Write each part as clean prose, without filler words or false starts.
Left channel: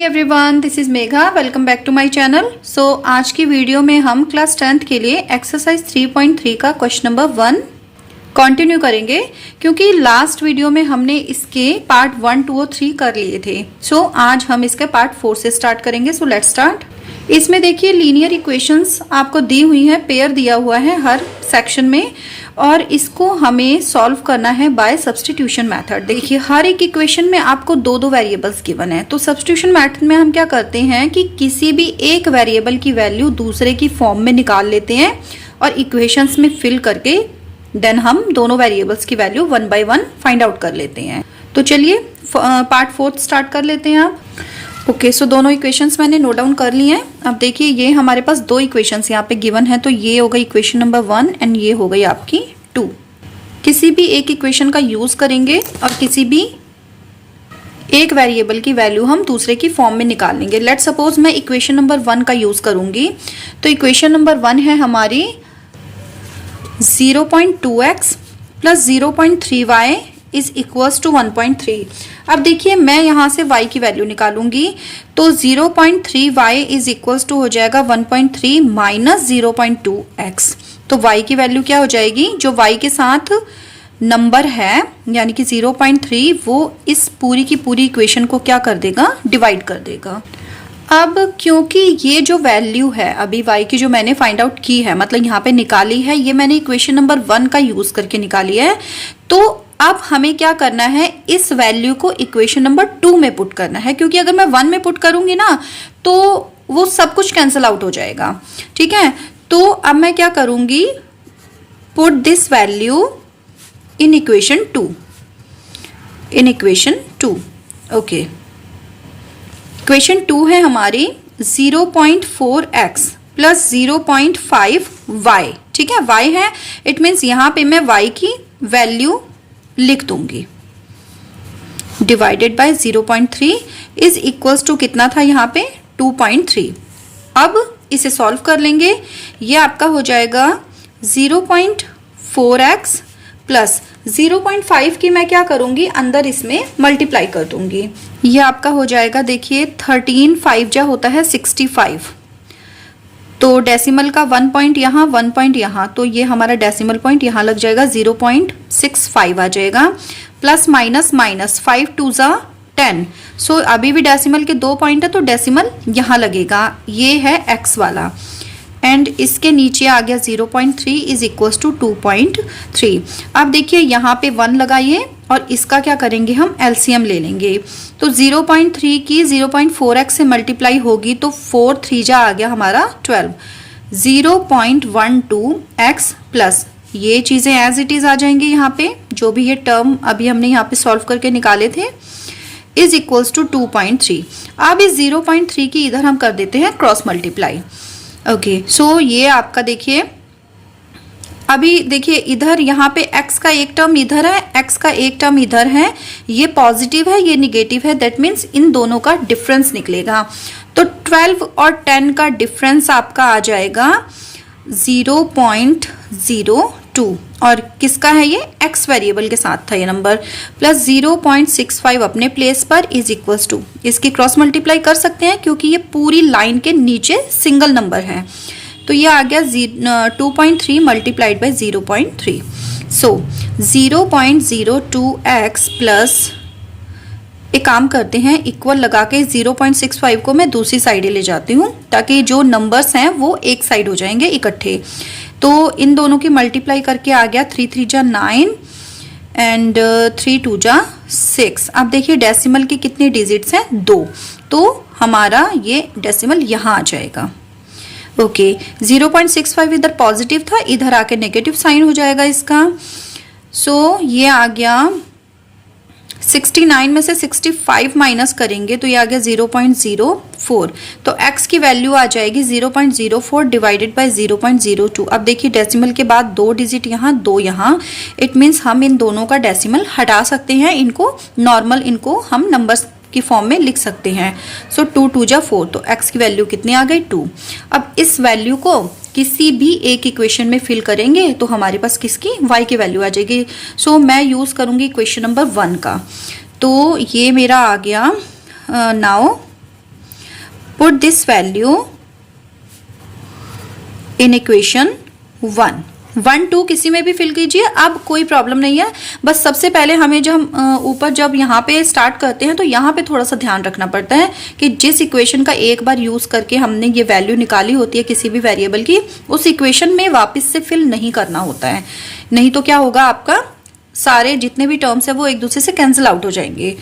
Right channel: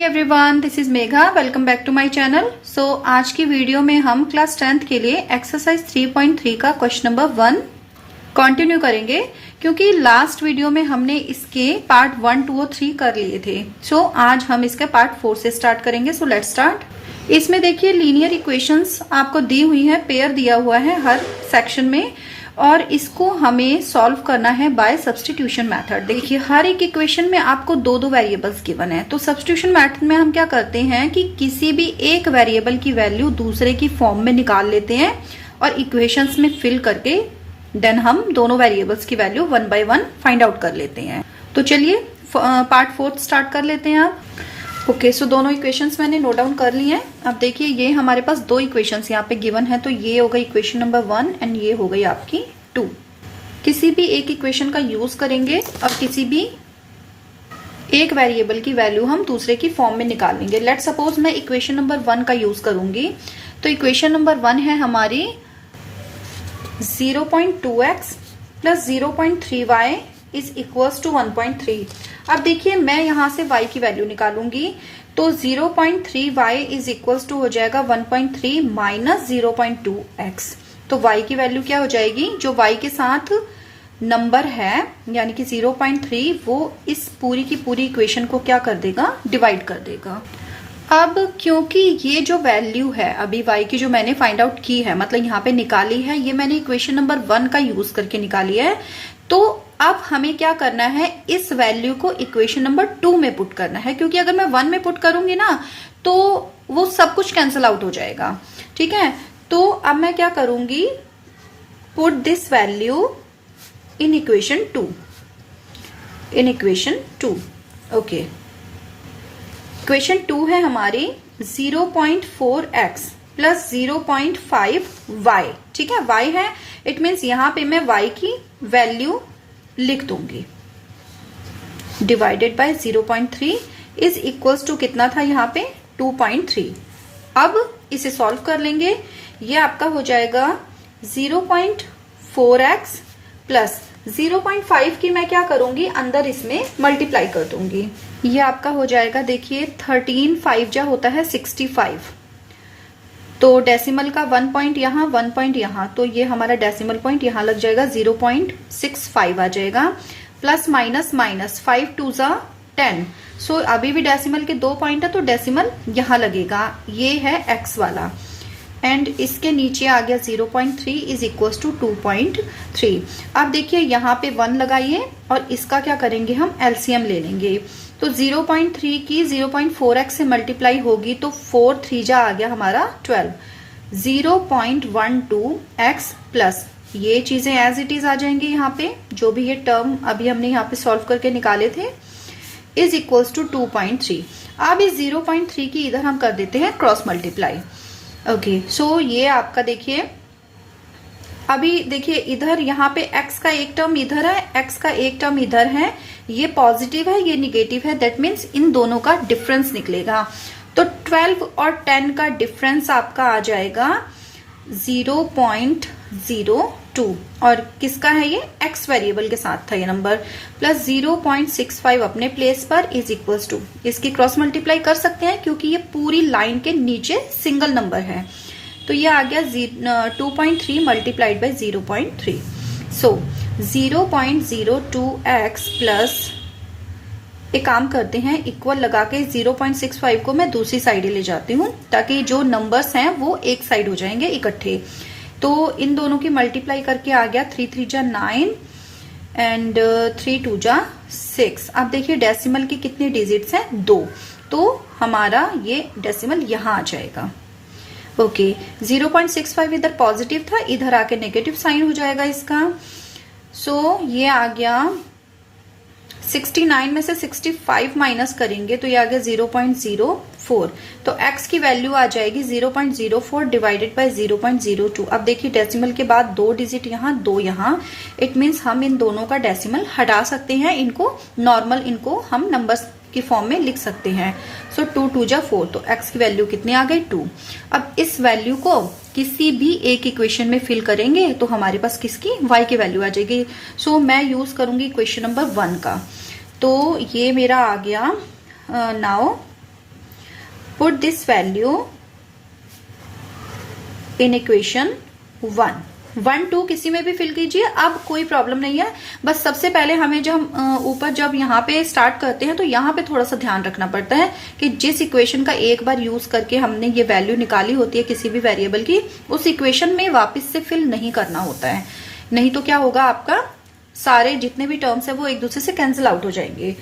Everyone, this is Megha. Welcome back to my channel. So आज की video में हम क्लास 10th के लिए एक्सरसाइज 3.3 का क्वेश्चन नंबर 1 कंटिन्यू करेंगे, क्योंकि लास्ट वीडियो में हमने इसके पार्ट 1, 2 और 3 कर लिए थे। सो आज हम इसके पार्ट 4 से स्टार्ट करेंगे। So let's start. इसमें देखिए लीनियर इक्वेशंस आपको दी हुई है, पेयर दिया हुआ है हर सेक्शन में, और इसको हमें सॉल्व करना है बाय सब्स्टिट्यूशन मेथड। देखिए हर एक इक्वेशन में आपको दो दो वेरिएबल्स गिवन है, तो सब्स्टिट्यूशन मेथड में हम क्या करते हैं कि किसी भी एक वेरिएबल की वैल्यू दूसरे की फॉर्म में निकाल लेते हैं और इक्वेशंस में फिल करके देन हम दोनों वेरिएबल्स की वैल्यू 1 बाय 1 फाइंड आउट कर लेते हैं। तो चलिए पार्ट 4 स्टार्ट कर लेते हैं आप। ओके, सो दोनों इक्वेशंस मैंने नोट डाउन कर लिए हैं। अब देखिए ये हमारे पास दो इक्वेशंस यहाँ पे गिवन है, तो ये हो गई इक्वेशन नंबर 1 एंड ये हो गई आपकी 2। किसी भी एक इक्वेशन का यूज करेंगे और किसी भी एक वेरिएबल की वैल्यू हम दूसरे की फॉर्म में निकाल लेंगे। लेट्स सपोज मैं इक्वेशन नंबर 1 का यूज करूंगी, तो इक्वेशन नंबर 1 है हमारी 0.2x plus 0.3y is equals to 1.3। अब देखिए मैं यहां से y की वैल्यू निकालूंगी, तो 0.3y इज इक्वल्स टू हो जाएगा 1.3 माइनस 0.2x। तो y की वैल्यू क्या हो जाएगी, जो y के साथ नंबर है यानी कि 0.3, वो इस पूरी की पूरी इक्वेशन को क्या कर देगा, डिवाइड कर देगा। अब क्योंकि ये जो वैल्यू है अभी y की जो मैंने फाइंड आउट की है, मतलब यहाँ पे निकाली है, ये मैंने इक्वेशन नंबर 1 का यूज करके निकाली है, तो अब हमें क्या करना है, इस वैल्यू को इक्वेशन नंबर 2 में पुट करना है, क्योंकि अगर मैं 1 में पुट करूंगी ना तो वो सब कुछ कैंसिल आउट हो जाएगा। ठीक है, तो अब मैं क्या करूंगी, put this value in equation 2, in equation 2। Okay, equation 2 है हमारी 0.4x प्लस 0.5y। ठीक है, y है, इट मीन्स यहां पे मैं y की वैल्यू लिख दूंगी, divided by 0.3 is equals to कितना था यहाँ पे 2.3। अब इसे सॉल्व कर लेंगे, ये आपका हो जाएगा 0.4x प्लस 0.5 की मैं क्या करूंगी, अंदर इसमें मल्टीप्लाई कर दूंगी। ये आपका हो जाएगा, देखिए 13 5 जा होता है 65, तो डेसिमल का 1 पॉइंट यहाँ 1 पॉइंट यहाँ, तो ये हमारा डेसिमल पॉइंट यहाँ लग जाएगा 0.65 आ जाएगा, प्लस माइनस माइनस 5 2 जा 10। सो अभी भी डेसिमल के 2 पॉइंट है, तो डेसिमल यहाँ लगेगा, ये है x वाला, एंड इसके नीचे आ गया 0.3 इज इक्वल टू 2.3। अब देखिए यहाँ पे 1 लगाइए और इसका क्या करेंगे, हम एलसीएम ले लेंगे, तो 0.3 की 0.4x से मल्टीप्लाई होगी, तो 4 3 जा आ गया हमारा 12, 0.12x प्लस ये चीजें एज इट इज आ जाएंगी यहाँ पे, जो भी ये टर्म अभी हमने यहाँ पे सॉल्व करके निकाले थे, इज इक्वल्स टू 2.3। अब इस 0.3 की इधर हम कर देते हैं क्रॉस मल्टीप्लाई। ओके, सो ये आपका देखिए, अभी देखिए इधर यहाँ पे x का एक टर्म इधर है, x का एक टर्म इधर है, ये पॉजिटिव है ये निगेटिव है, दैट मीन्स इन दोनों का डिफरेंस निकलेगा। तो 12 और 10 का डिफरेंस आपका आ जाएगा 0.02, और किसका है ये, x वेरिएबल के साथ था ये नंबर, प्लस 0.65 अपने प्लेस पर इज इक्वल्स टू, इसकी क्रॉस मल्टीप्लाई कर सकते हैं क्योंकि ये पूरी लाइन के नीचे सिंगल नंबर है, तो ये आ गया 2.3 multiplied by 0.3। So 0.02x plus, एक काम करते हैं, इक्वल लगा के 0.65 को मैं दूसरी साइड ले जाती हूँ, ताकि जो नंबर्स हैं वो एक साइड हो जाएंगे इकट्ठे। तो इन दोनों की मल्टीप्लाई करके आ गया 3 3 जा 9 एंड 3 2 जा 6। अब देखिए डेसिमल की कितनी डिजिट्स हैं, 2, तो हमारा ये डेसिमल यहाँ आ जाएगा। ओके, 0.65 इधर पॉजिटिव था, इधर आके नेगेटिव साइन हो जाएगा इसका। सो ये आ गया 69 में से 65 माइनस करेंगे तो ये आ गया 0.04, तो x की वैल्यू आ जाएगी 0.04 डिवाइडेड बाय 0.02। अब देखिए डेसिमल के बाद 2 डिजिट यहाँ 2 यहाँ, इट मीन्स हम इन दोनों का डेसिमल हटा सकते हैं, इनको नॉर्मल, इनको हम नंबर्स की फॉर्म में लिख सकते हैं। सो 2 2 जा 4, तो x की वैल्यू कितनी आ गई 2। अब इस वैल्यू को किसी भी एक इक्वेशन में फिल करेंगे तो हमारे पास किसकी, y की वैल्यू आ जाएगी। सो मैं यूज करूंगी इक्वेशन नंबर 1 का, तो ये मेरा आ गया now put this value in equation 1, 1 2 किसी में भी फिल कीजिए, अब कोई प्रॉब्लम नहीं है। बस सबसे पहले हमें जब ऊपर जब यहाँ पे स्टार्ट करते हैं तो यहाँ पे थोड़ा सा ध्यान रखना पड़ता है कि जिस इक्वेशन का एक बार यूज करके हमने ये वैल्यू निकाली होती है किसी भी वेरिएबल की, उस इक्वेशन में वापस से फिल नहीं करना होता है, नहीं तो क्या होगा, आपका सारे जितने भी टर्म्स है वो एक दूसरे से कैंसिल आउट हो जाएंगे।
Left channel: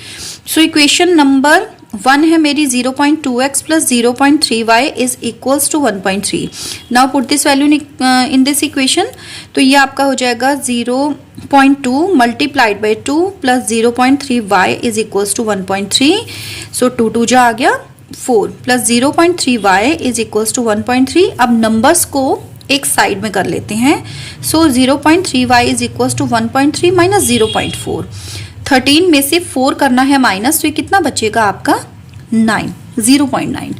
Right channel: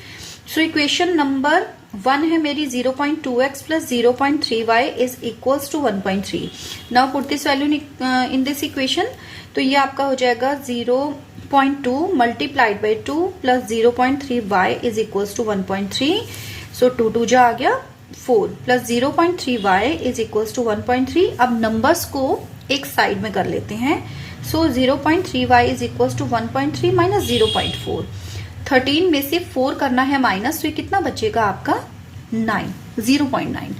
सो इक्वेशन नंबर 1 है मेरी 0.2x plus 0.3y is equals to 1.3। Now put this value in this equation, तो ये आपका हो जाएगा 0.2 multiplied by 2 plus 0.3y is equals to 1.3। So 2 2 जा आ गया 4 plus 0.3y is equals to 1.3। अब नंबर्स को एक साइड में कर लेते हैं। So 0.3y is equals to 1.3 minus 0.4। 13 में से 4 करना है माइनस, तो ये कितना बचेगा आपका 9, 0.9,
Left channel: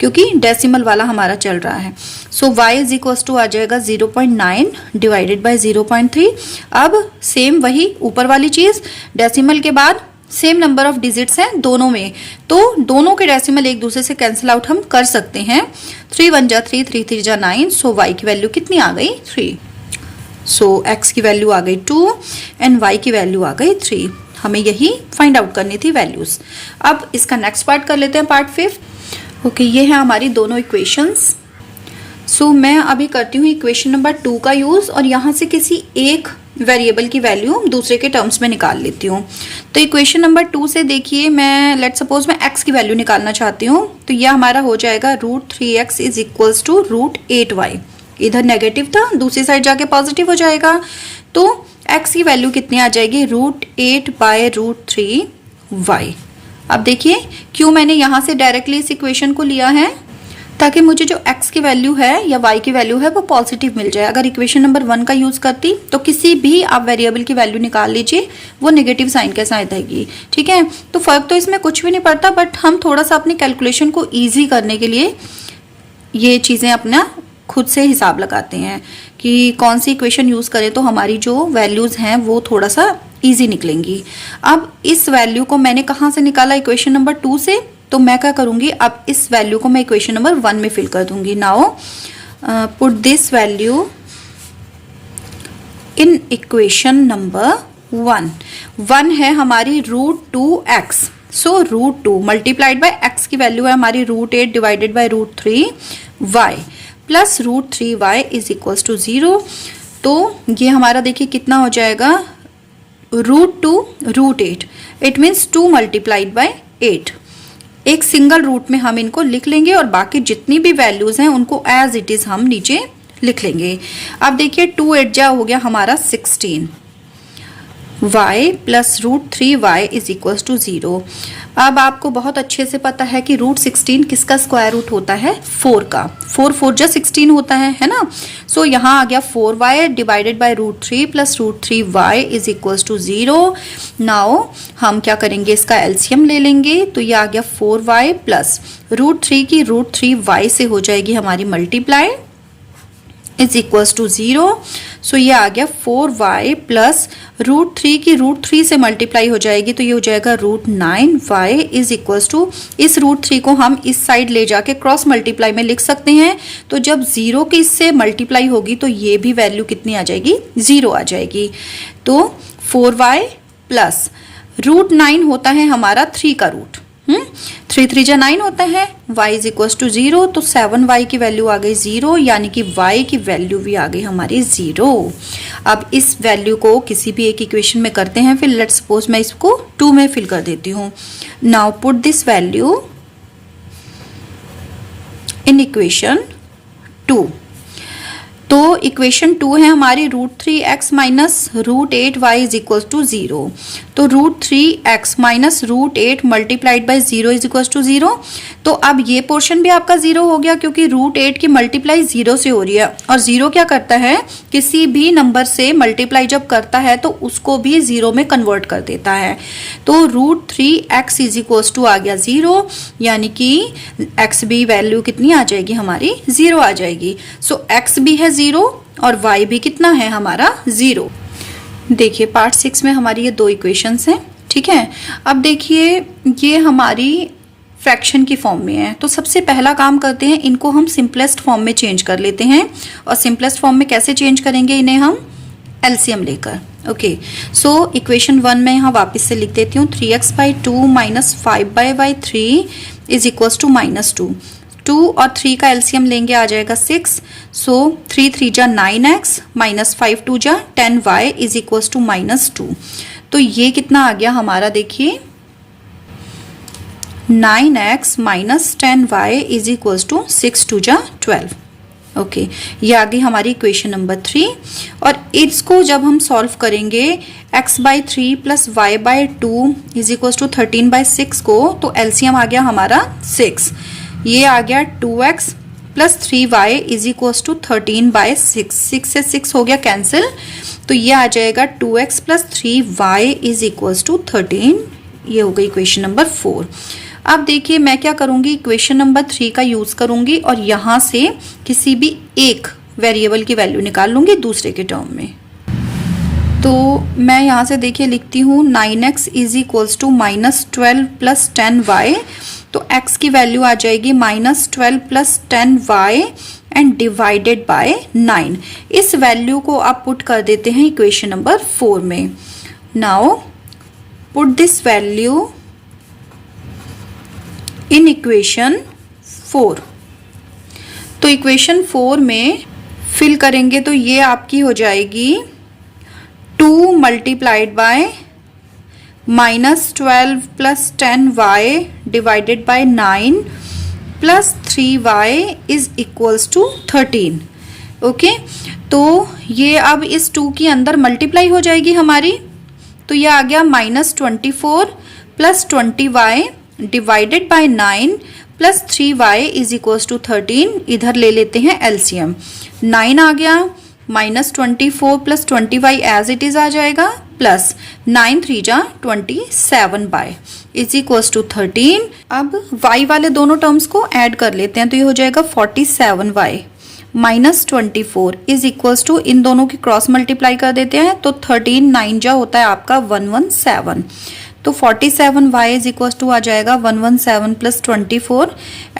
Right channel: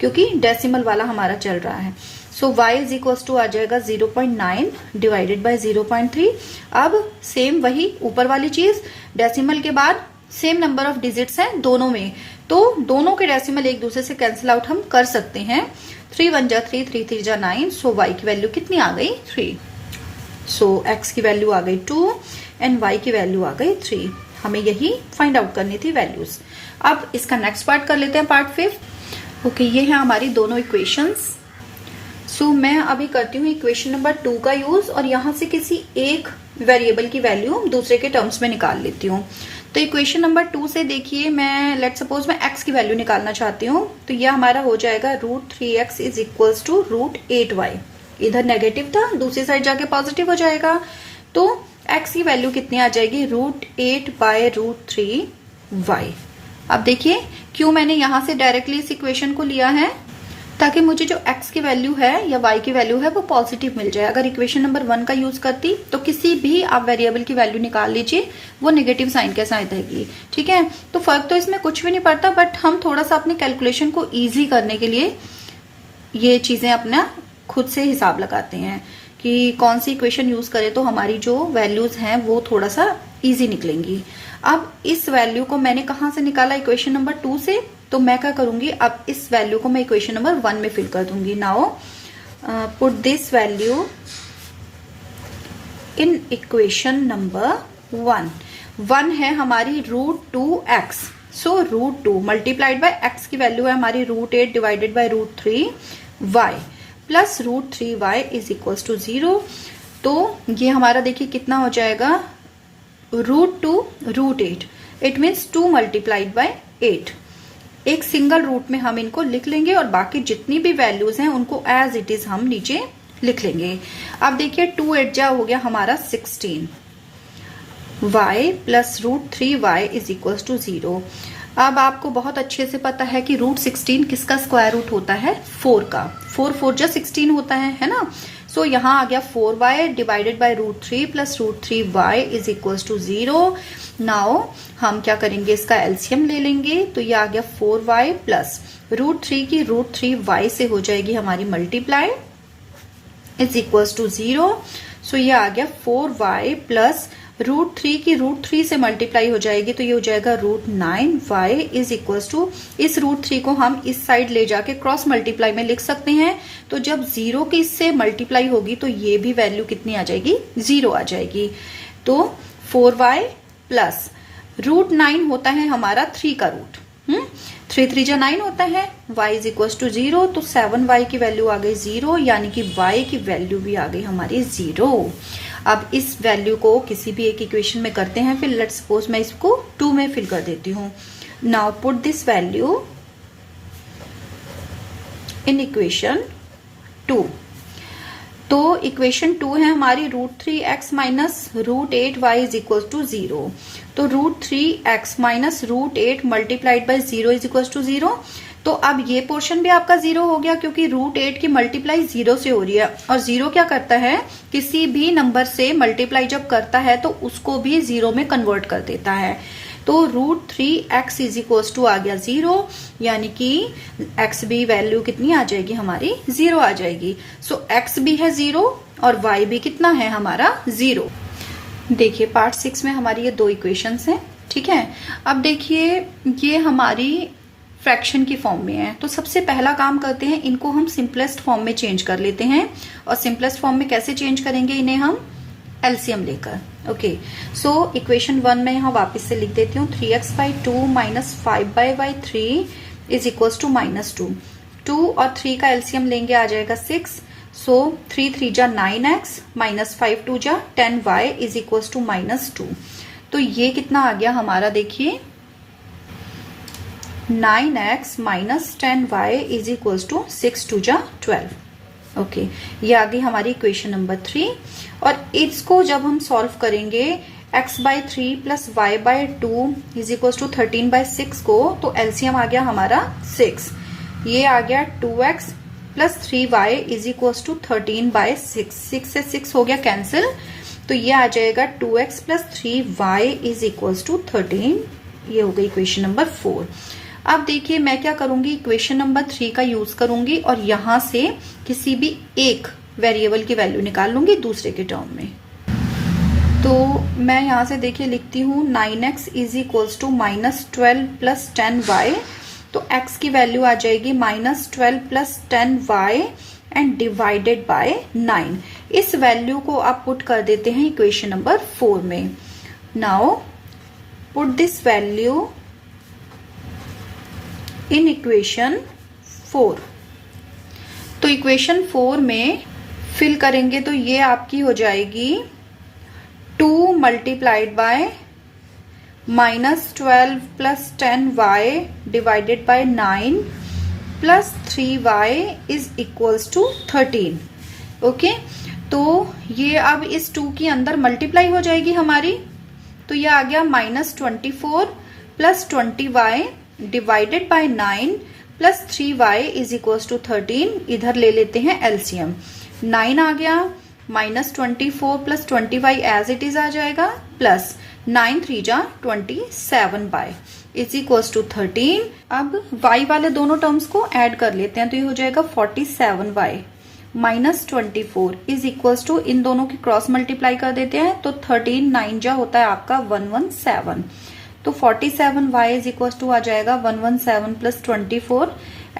क्योंकि डेसिमल वाला हमारा चल रहा है। सो y इज इक्वल्स टू आ जाएगा 0.9 डिवाइडेड बाय 0.3। अब सेम वही ऊपर वाली चीज, डेसिमल के बाद सेम नंबर ऑफ डिजिट्स हैं दोनों में, तो दोनों के डेसिमल एक दूसरे से कैंसिल आउट हम कर सकते हैं। 3 1 जा 3, 3 3 जा 9। सो y की वैल्यू कितनी आ गई 3। सो x की वैल्यू आ गई 2 एंड y की वैल्यू आ गई 3। हमें यही फाइंड आउट करनी थी वैल्यूज। अब इसका नेक्स्ट पार्ट कर लेते हैं, पार्ट 5। ओके, ये है हमारी दोनों इक्वेशंस। सो मैं अभी करती हूँ इक्वेशन नंबर 2 का यूज और यहाँ से किसी एक वेरिएबल की वैल्यू दूसरे के टर्म्स में निकाल लेती हूँ। तो इक्वेशन नंबर 2 से देखिए, मैं लेट सपोज मैं x की वैल्यू निकालना चाहती हूँ, तो यह हमारा हो जाएगा √3x is equals to √8y। इधर नेगेटिव था, दूसरी साइड जाके पॉजिटिव हो जाएगा, तो x की वैल्यू कितनी आ जाएगी √8 बाय √3y। अब देखिए क्यों मैंने यहां से डायरेक्टली इस इक्वेशन को लिया है, ताकि मुझे जो x की वैल्यू है या y की वैल्यू है वो पॉजिटिव मिल जाए। अगर इक्वेशन नंबर 1 का यूज करती तो किसी भी आप वेरिएबल की वैल्यू निकाल लीजिए, वो नेगेटिव साइन के साथ आएगी। ठीक है, तो फर्क तो इसमें कुछ भी नहीं पड़ता, बट हम थोड़ा सा अपनी कैलकुलेशन को ईजी करने के लिए ये चीजें अपना खुद से हिसाब लगाते हैं कि कौन सी इक्वेशन यूज करें तो हमारी जो वैल्यूज हैं वो थोड़ा सा इजी निकलेंगी। अब इस वैल्यू को मैंने कहाँ से निकाला, इक्वेशन नंबर 2 से, तो मैं क्या करूंगी, अब इस वैल्यू को मैं इक्वेशन नंबर 1 में फिल कर दूंगी। Now put this value in equation number 1। 1 है हमारी √2x। So √2 multiplied by x की वैल्यू है हमारी √8 divided by √3y plus √3y is equals to 0। तो ये हमारा देखिए कितना हो जाएगा √2 √8, इट मीन्स 2 मल्टीप्लाइड बाय 8। एक सिंगल रूट में हम इनको लिख लेंगे और बाकी जितनी भी वैल्यूज हैं उनको एज इट इज हम नीचे लिख लेंगे। अब देखिए 2 8 जा हो गया हमारा 16, y plus √3y is equals to 0। अब आपको बहुत अच्छे से पता है कि √16 किसका स्क्वायर रूट होता है, 4 का। 4 4 जा 16 होता है ना। सो यहाँ आ गया 4y divided by √3 plus √3y is equals to 0। Now हम क्या करेंगे, इसका एलसीएम ले लेंगे, तो ये आ गया 4y प्लस √3 की √3y से हो जाएगी हमारी मल्टीप्लाई इज इक्वल्स टू 0। सो ये आ गया 4y प्लस √3 की √3 से मल्टीप्लाई हो जाएगी, तो ये हो जाएगा √9y इज इक्वल्स टू, इस √3 को हम इस साइड ले जाके क्रॉस मल्टीप्लाई में लिख सकते हैं। तो जब 0 की इससे मल्टीप्लाई होगी तो ये भी वैल्यू कितनी आ जाएगी, 0 आ जाएगी। तो 4y प्लस √9 होता है हमारा 3 का रूट, 3 3 जा 9 होता है, y इज इक्वल्स टू 0। तो 7y की वैल्यू आ गई 0, यानी कि y की वैल्यू भी आ गई हमारी 0। अब इस वैल्यू को किसी भी एक इक्वेशन में करते हैं, फिर लेट्स सपोज मैं इसको 2 में फिल कर देती हूँ। Now put this value in equation 2। तो इक्वेशन 2 है हमारी √3x minus √8y is equal to 0। तो √3x minus √8 multiplied by 0 is equal to 0। तो अब ये पोर्शन भी आपका 0 हो गया, क्योंकि √8 की मल्टीप्लाई 0 से हो रही है, और 0 क्या करता है, किसी भी नंबर से मल्टीप्लाई जब करता है तो उसको भी 0 में कन्वर्ट कर देता है। तो √3x इज इक्वल टू आ गया 0, यानी कि x भी वैल्यू कितनी आ जाएगी हमारी, 0 आ जाएगी। सो x भी है 0 और y भी कितना है हमारा 0। देखिए पार्ट 6 में हमारी ये 2 इक्वेशंस हैं। ठीक है, अब देखिए ये हमारी फ्रैक्शन की फॉर्म में है। तो सबसे पहला काम करते हैं, इनको हम सिंपलेस्ट फॉर्म में चेंज कर लेते हैं। और सिंपलेस्ट फॉर्म में कैसे चेंज करेंगे इन्हें, हम एलसीएम लेकर। ओके, सो इक्वेशन 1 में यहाँ वापस से लिख देती हूँ 3x/2 minus 5y/3 is equals to -2। 2 और 3 का एलसीएम लेंगे, आ जाएगा 6। सो 3 3 जा 9x माइनस 5 2 जा 10y इज इक्वल्स टू -2। तो ये कितना आ गया हमारा, देखिए 9x minus 10y is equals to 6 2 जा 12। ओके, ये आ गई हमारी इक्वेशन नंबर 3। और इसको जब हम सॉल्व करेंगे x/3 plus y/2 is equals to 13/6 को, तो एलसीएम आ गया हमारा 6। ये आ गया 2x plus 3y is equals to 13/6। 6 से 6 हो गया कैंसिल, तो ये आ जाएगा 2x plus 3y is equals to 13। ये हो गई इक्वेशन नंबर 4। अब देखिए मैं क्या करूंगी, इक्वेशन नंबर 3 का यूज करूंगी और यहां से किसी भी एक वेरिएबल की वैल्यू निकाल लूंगी दूसरे के टर्म में। तो मैं यहां से देखिए लिखती हूँ 9x is equals to -12 plus 10y। तो x की वैल्यू आ जाएगी -12 plus 10y and divided by 9। इस वैल्यू को आप पुट कर देते हैं इक्वेशन नंबर 4 में। Now put this value in equation 4। तो इक्वेशन 4 में फिल करेंगे तो ये आपकी हो जाएगी 2 multiplied by -12 plus 10y divided by 9 plus 3y is equals to 13। Okay, तो ये अब इस 2 के अंदर मल्टीप्लाई हो जाएगी हमारी। तो ये आ गया -24 plus 20y divided by 9 plus 3y is equals to 13। इधर ले लेते हैं एलसीएम। 9 आ गया, -24 plus 20y as it is आ जाएगा, प्लस 9 3 जा 27y इज इक्वल्स टू 13। अब y वाले दोनों टर्म्स को ऐड कर लेते हैं, तो ये हो जाएगा 47y -24 इज इक्वल्स टू, इन दोनों की क्रॉस मल्टीप्लाई कर देते हैं तो 13 9 जा होता है आपका 117। तो 47y इज इक्वल टू आ जाएगा 117 प्लस 24।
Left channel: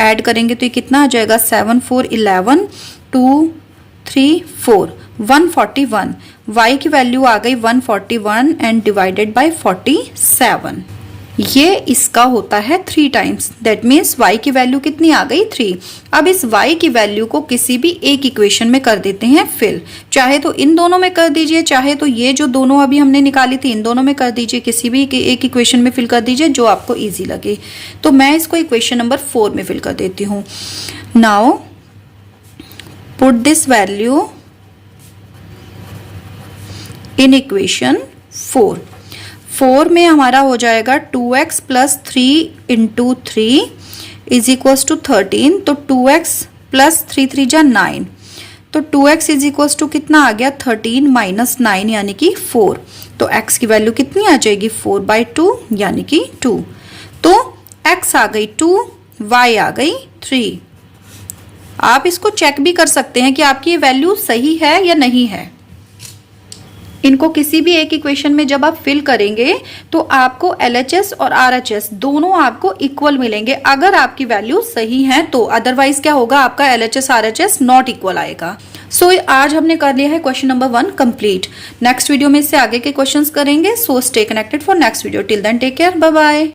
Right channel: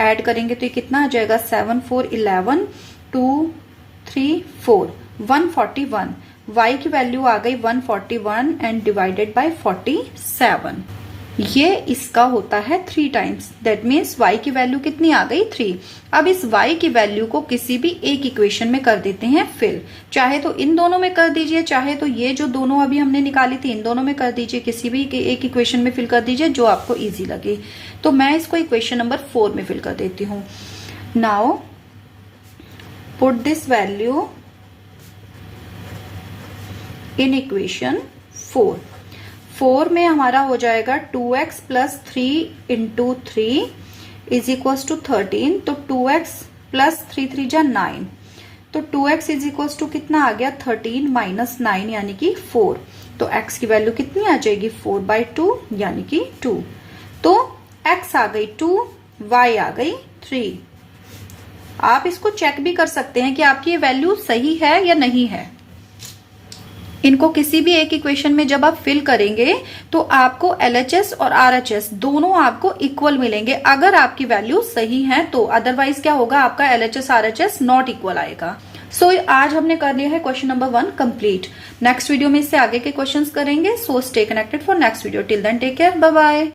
ऐड करेंगे तो ये कितना आ जाएगा 7 4 11 2 3 4 141। y की वैल्यू आ गई 141 एंड डिवाइडेड बाय 47। ये इसका होता है 3 टाइम्स। दैट मीन्स y की वैल्यू कितनी आ गई 3। अब इस y की वैल्यू को किसी भी एक इक्वेशन में कर देते हैं फिल। चाहे तो इन दोनों में कर दीजिए, चाहे तो ये जो दोनों अभी हमने निकाली थी इन दोनों में कर दीजिए, किसी भी एक इक्वेशन में फिल कर दीजिए जो आपको इजी लगे। तो मैं इसको इक्वेशन नंबर 4 में फिल कर देती हूँ। Now put this value in equation 4। 4 में हमारा हो जाएगा 2x plus 3 into 3 is equals to 13। तो 2x प्लस 3 3 जा 9। तो 2x इज इक्वल्स टू कितना आ गया 13 माइनस 9 यानी कि 4। तो x की वैल्यू कितनी आ जाएगी 4/2 यानी कि 2। तो x आ गई 2, y आ गई 3। आप इसको चेक भी कर सकते हैं कि आपकी ये वैल्यू सही है या नहीं है। इनको किसी भी एक इक्वेशन में जब आप फिल करेंगे तो आपको LHS और RHS दोनों आपको इक्वल मिलेंगे अगर आपकी वैल्यू सही है तो। अदरवाइज क्या होगा, आपका LHS RHS नॉट इक्वल आएगा। सो आज हमने कर लिया है question number 1 complete. Next video में इससे आगे के क्वेश्चंस करेंगे। So stay connected for next video. Till then take care, bye bye.